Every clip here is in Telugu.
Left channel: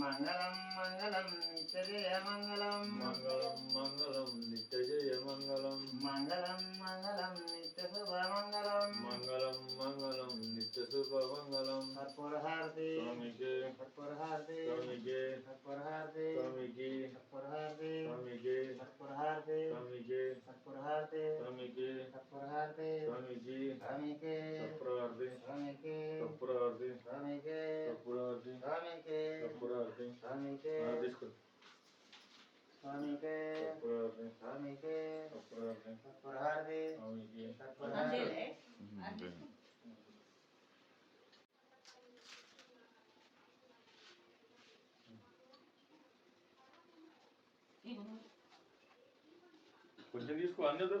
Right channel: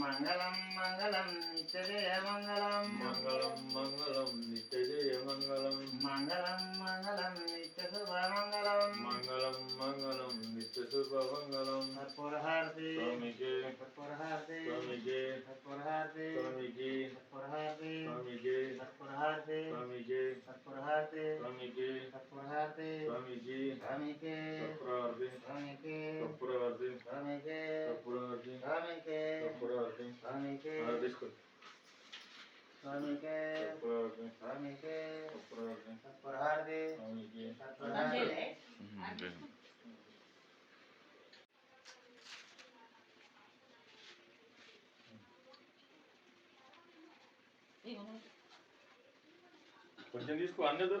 మంగళం మంగళం నిత్యజయ మంగళం మంగళం మంగళం నిత్యజయ మంగళం మంగళం మంగళం నిత్య శుభ మంగళం మంగళం మంగళం నిత్య శుభ మంగళం కర్పూర హారతి స్వామికి కర్పూర హారతి స్వామికి కర్పూర హారతి స్వామికి కర్పూర హారతి స్వామికి కర్పూర హారతి స్వామికి కర్పూర హారతి స్వామికి కర్పూర హారతి స్వామికి స్వామికి కర్పూర హారతి స్వామికి కర్పూర హారతి స్వామికి కర్పూర హారతి స్వామికి కర్పూర హారతి స్వామికి స్వామికి కర్పూర హారతి స్వామికి కర్పూర హారతి కర్పూర హారతి స్వామికి కర్పూర హారతి కొంచెం తీసుకో అందదు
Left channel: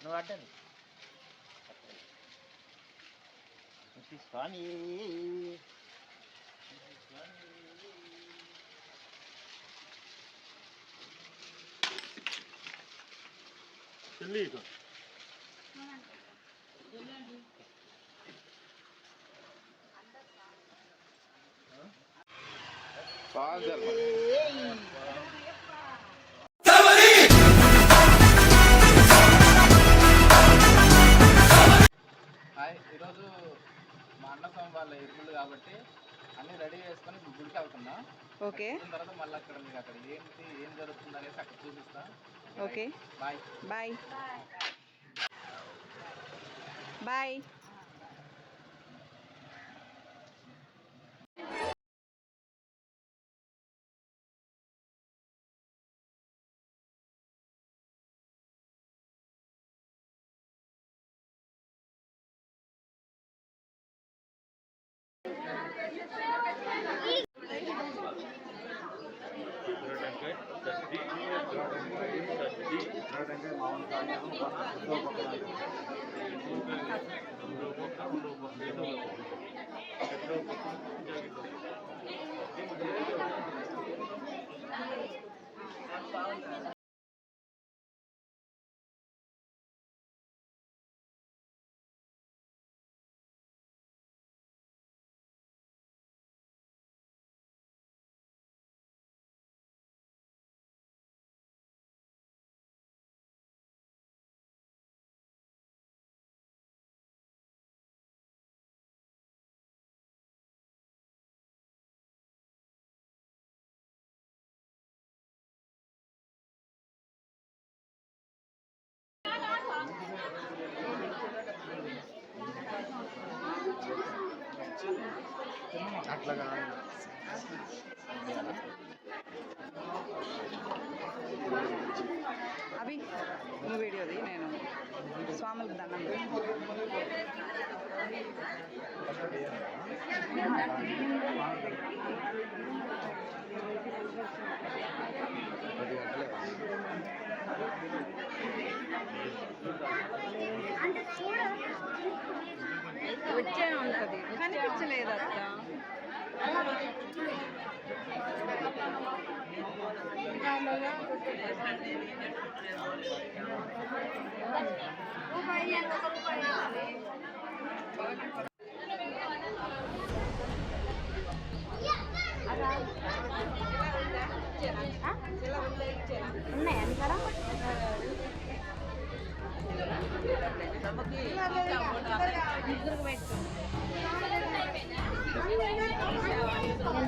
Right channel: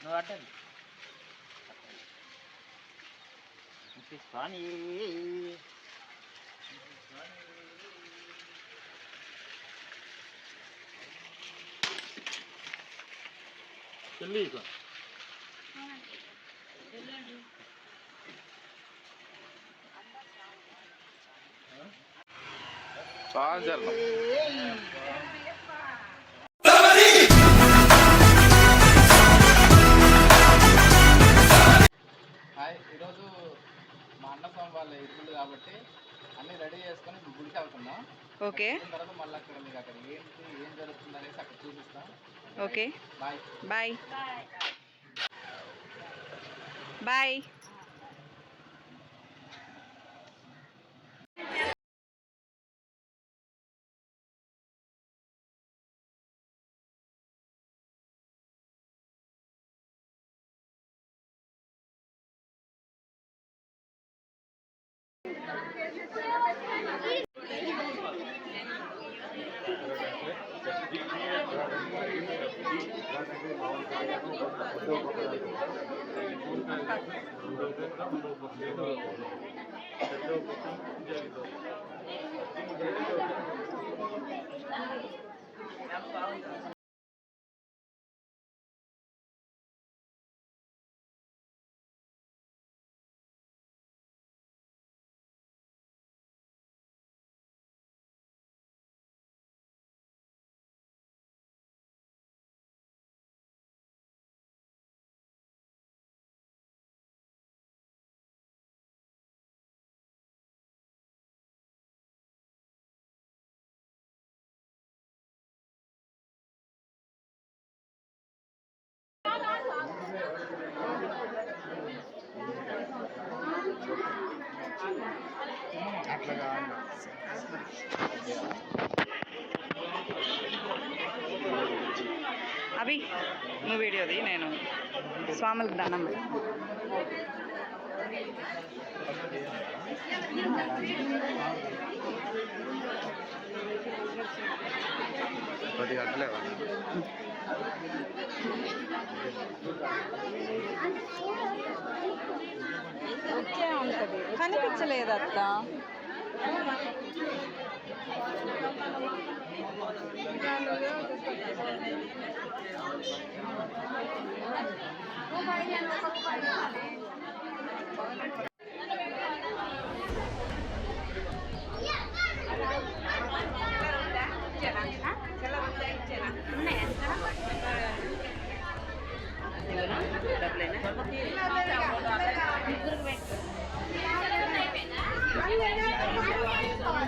నువ్వు అడ్డది స్వామి చెల్లి హాయ్, ఈరోజు మా అన్న స్వామి వాళ్ళ ఇల్లు కాబట్టి అన్నీ రెడీ చేసుకొని గుడికి వెళ్తున్నాం. ఓకే, తర్వాత మళ్ళీ అక్కడ మీకు అక్కడ ఏంటి ఏం జరుగుతుంది అనేసి అక్కడ చూపిస్తాం. Okay, bye bye bye. అట్లాగా అవి నువ్వు వీడియోది నేను స్వాములకు దండం పెడతాను. 10 గంటలే వచ్చే ఉంటుంది, కనిపించలేదు అక్క.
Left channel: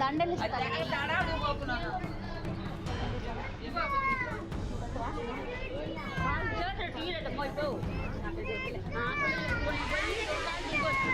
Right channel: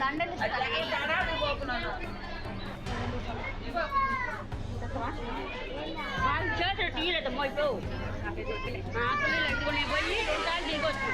దండలు తీయలేదు మోయిపో ఆకలి ఎత్తుకునే పోయి 2 సార్లు దిగొచ్చు.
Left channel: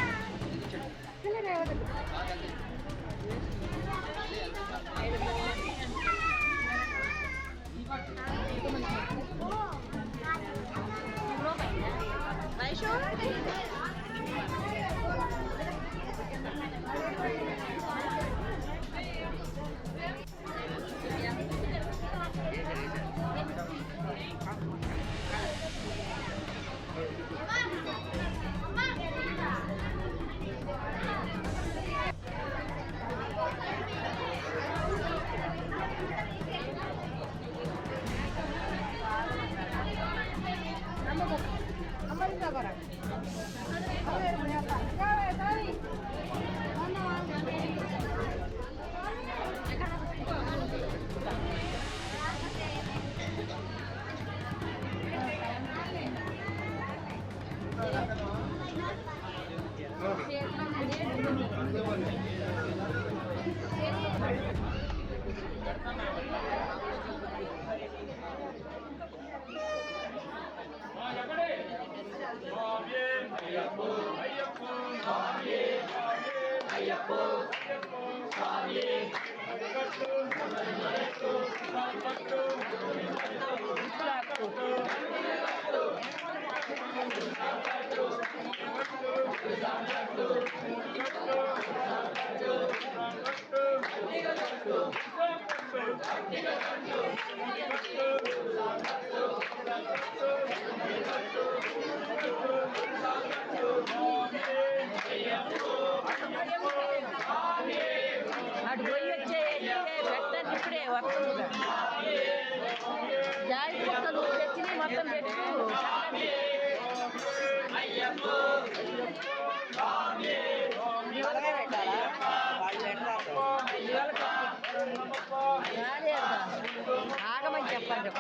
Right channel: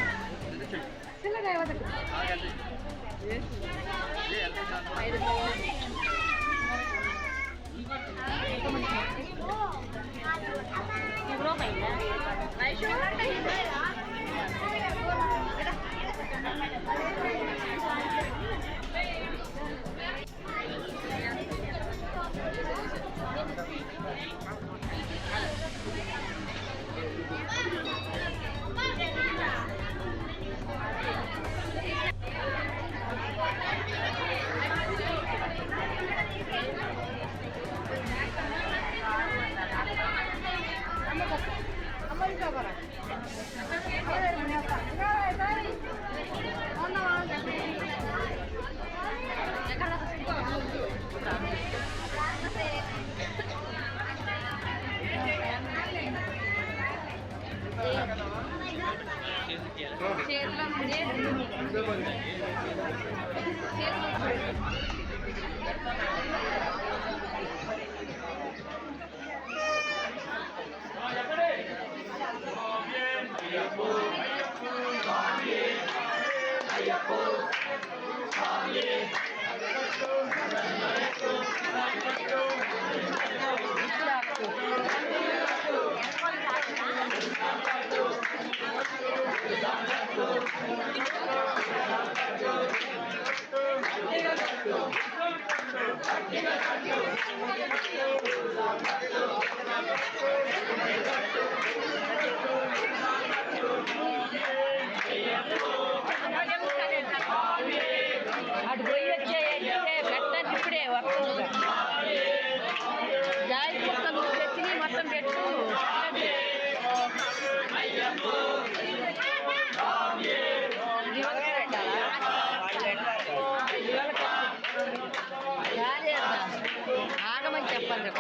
అటు పోయి వచ్చేయంటే పెట్టండి, ఇప్పుడే వస్తుందిగా. జాయి మొక్కలు తెచ్చి మొత్తం పెట్టు. ఆగమని చెప్పండి,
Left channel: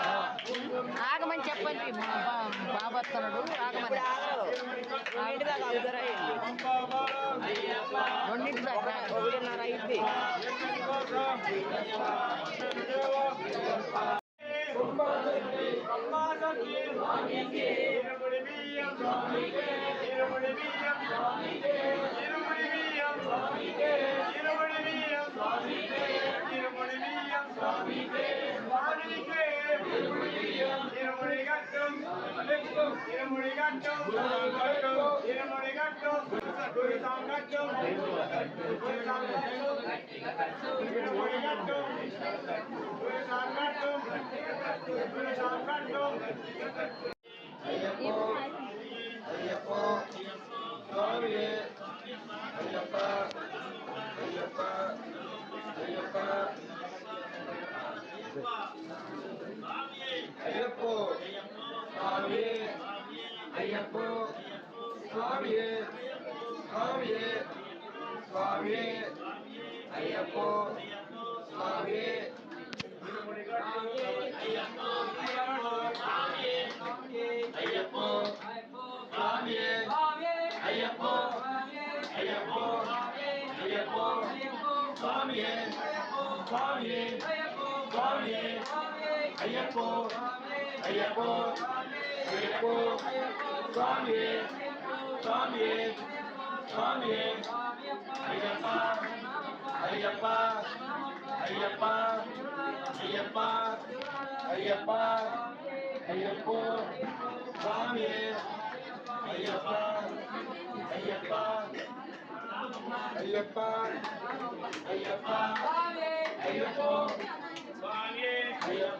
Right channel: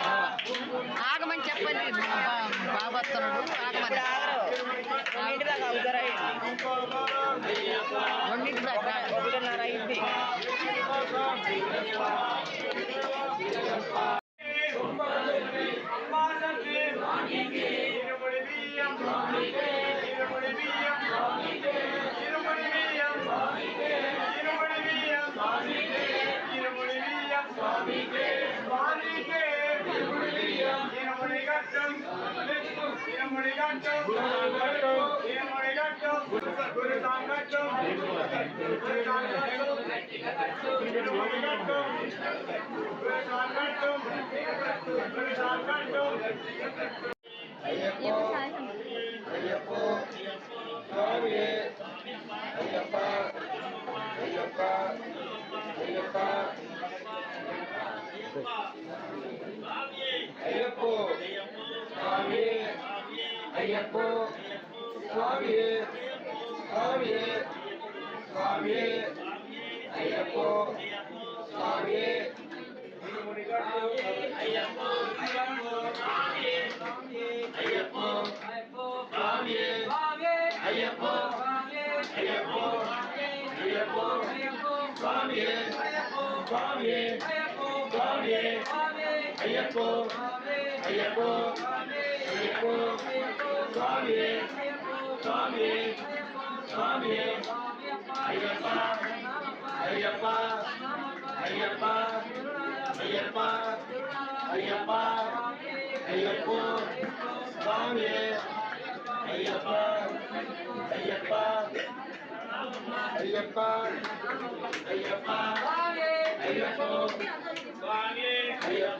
ఆగమని చెప్పండి. బాబు వస్తున్నాడు, ఆగమని. 2 దాకా 2:30 అయింది. అయ్యప్పో స్వామి, అయ్యప్పో స్వామి, స్వామి స్వామి, అయ్యప్పో స్వామి, అయ్యప్పో అయ్యప్పో స్వామి, అయ్యప్పో అయ్యప్పో అయ్యప్పో స్వామి, స్వామి స్వామి, అయ్యప్పో అయ్యప్పో అయ్యప్పో స్వామి, స్వామి స్వామి, అయ్యప్ప అయ్యప్ప అయ్యప్ప అయ్యప్ప అయ్యప్ప అయ్యప్పో స్వామి, అయ్యప్ప అయ్యప్ప అయ్యప్ప అయ్యప్ప అయ్యప్పో స్వామి, అయ్యప్ప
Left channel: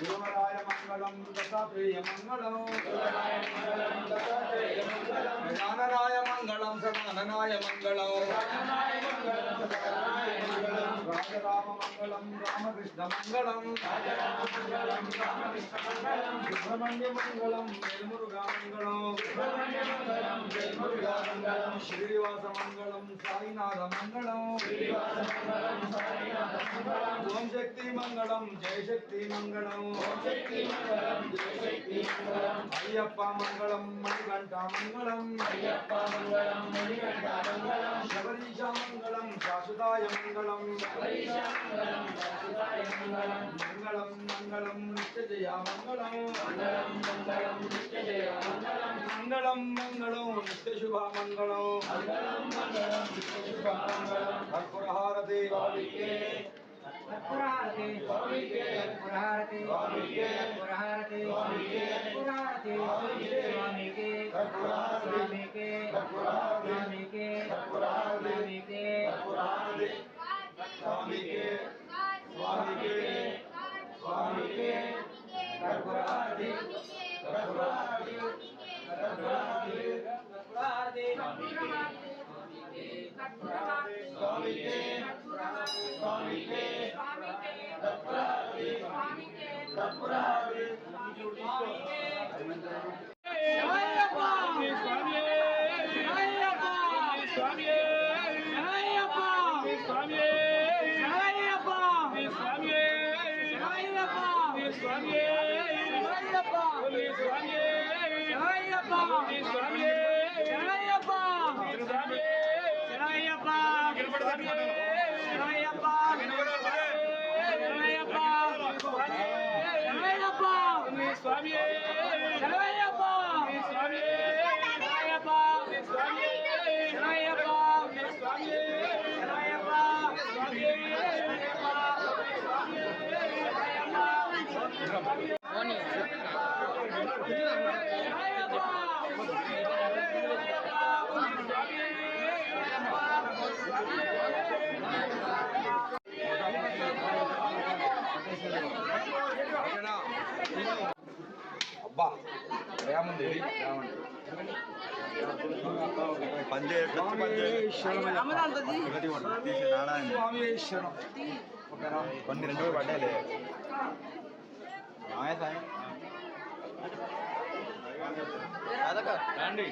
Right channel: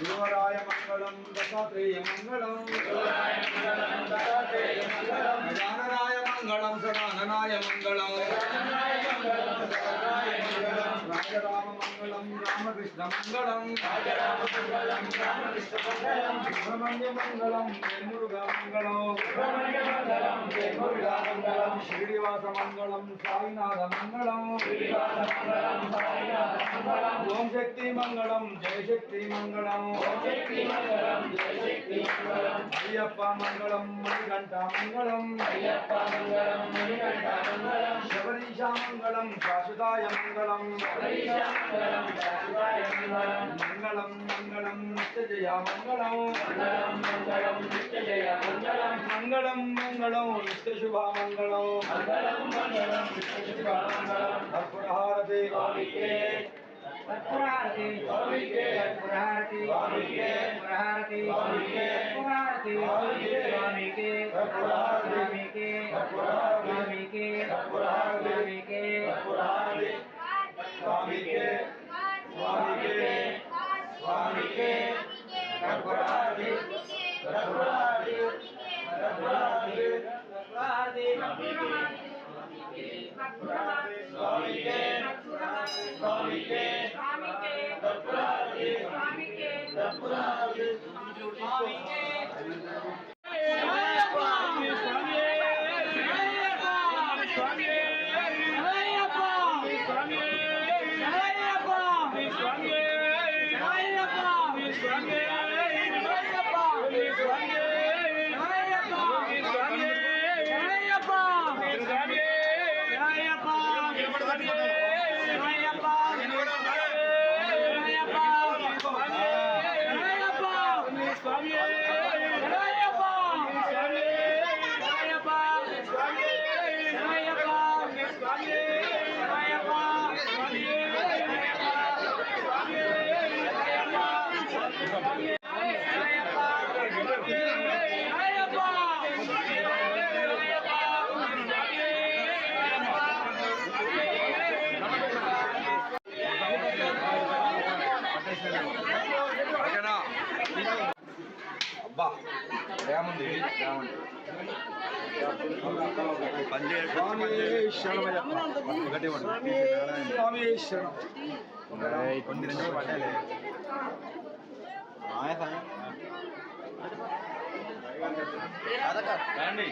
గురువరాయ మంగళం దత్తాత్రేయ మంగళం గజాననాయ మంగళం సదాననాయ మంగళం రాజరామ మంగళం రామకృష్ణ మంగళం సుబ్రహ్మణ్య మంగళం వేల్మురుగ మంగళం శ్రీనివాస మంగళం సాయినాథ మంగళం ఓం శక్తి మంగళం జయ శక్తి మంగళం అయ్యప్ప మంగళం మణికంఠ మంగళం శబరీశ మంగళం శాశ్వతాయ మంగళం మంగళం మంగళం నిత్యజయ మంగళం మంగళం మంగళం నిత్యశుభ మంగళం కర్పూరహారతి Purharati, Purharati, Purharati, Purharati, Purharati, Swami ke, Swami ke, Swami ke, Swami ke, Swami ke, Swami ke, Swami ke, Purharati, Purharati, Purharati, Purharati, Swami ke, Swami ke, అబ్బా ఏముంది స్వామి శరణం రండి